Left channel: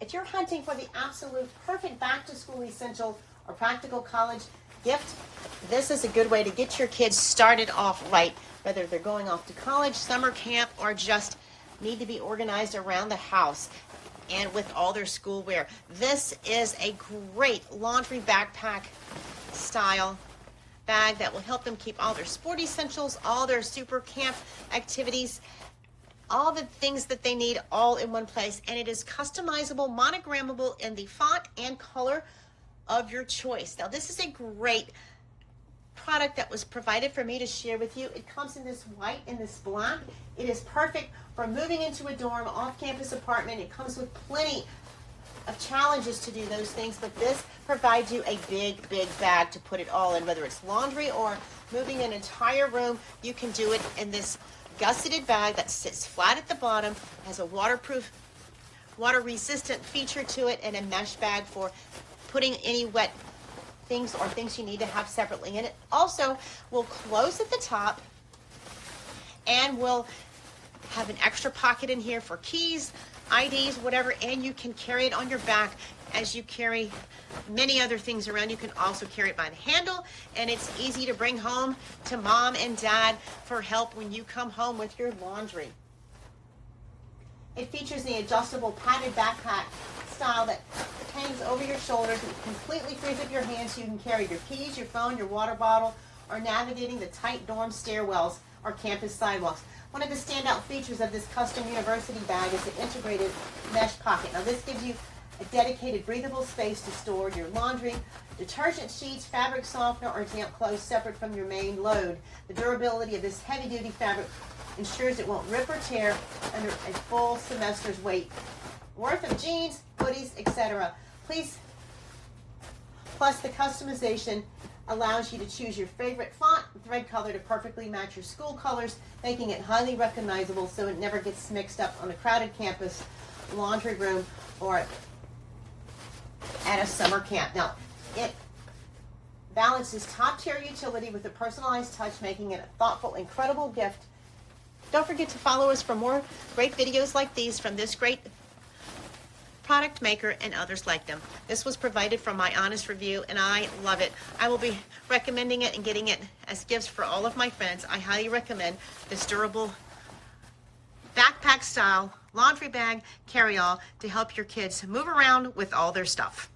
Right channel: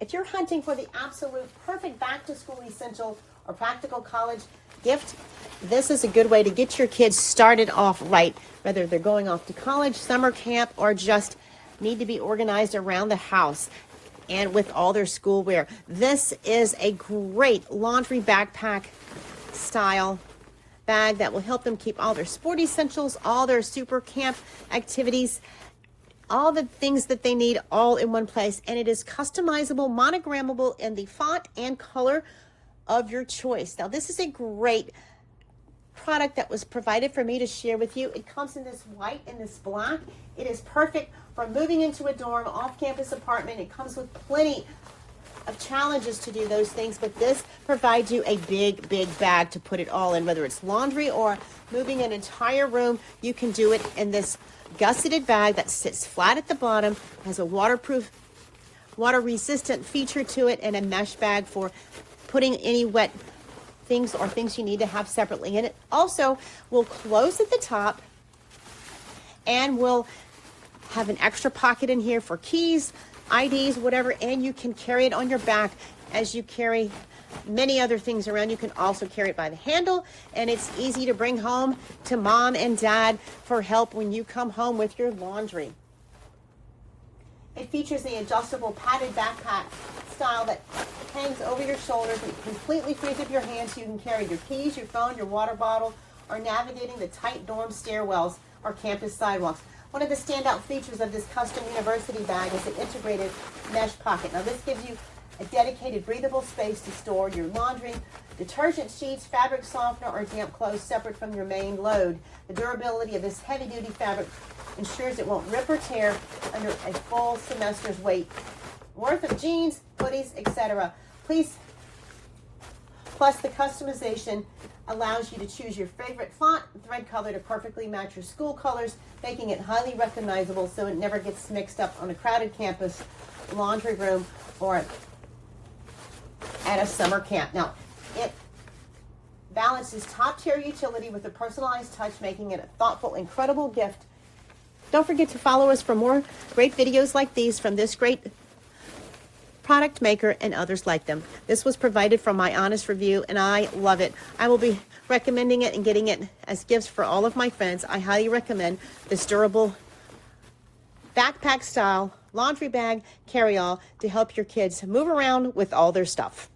If you're hunting for the absolute perfect back-to-school essential or practical college gift, this is a good way to get your kids started off right, whether they're going off to college, summer camp, or just need to be organized around the house and with all their school wear. This is a great laundry backpack style bag that will help them keep all their sport essentials, all their super camp activities, all the things that they need all in one place. And it is customizable, monogrammable in the font and color of your choice. Now, this is a great product that was provided for me to share with you. It comes in this white and this black. It is perfect for moving into a dorm, off-campus apartment. It comes with plenty of challenges to do those things, but this provides you a big bag to put it all in, whether it's laundry or moving an entire room. You can do it in this gusseted bag that sits flat at the bottom, has a waterproof, water resistant feature to it, and a mesh bag for putting any wet things or things you need to have separately in it. Also, will close at the top and will have an extra pocket in here for keys, IDs, whatever, and you can carry it on your back as you carry many other things around. You can also carry it by the handle, and it's easy to bring home to mom and dad for help when you come home with your laundry. It features the adjustable padded backpack style that hangs over your shoulders and completely frees up your hands so you can carry your keys, your phone, your water bottle, or navigating the tight dorm stairwells or campus sidewalks. One of the standout features of this custom university bag is the integrated mesh pocket. Now, this gives you a dedicated breathable space to store your laundry, detergent sheets, fabric softener, or damp clothes separate from your main load. The durability of this heavy-duty fabric ensures it won't rip or tear under a full semester's weight worth of jeans, hoodies, etc. Plus, the customization allows you to choose your favorite font and thread color to perfectly match your school colors, making it highly recognizable so it never gets mixed up on a crowded campus, laundry room, or at a summer camp. Now, it balances top-tier utility with a personalized touch, making it a thoughtful, incredible gift. Don't forget to follow us for more great videos like these from this great product maker and others like them. This was provided from my honest review, and I love it. I will be recommending it and getting it as gifts for all of my friends. I highly recommend this durable backpack style laundry bag carry-all to help your kids move around with all their stuff.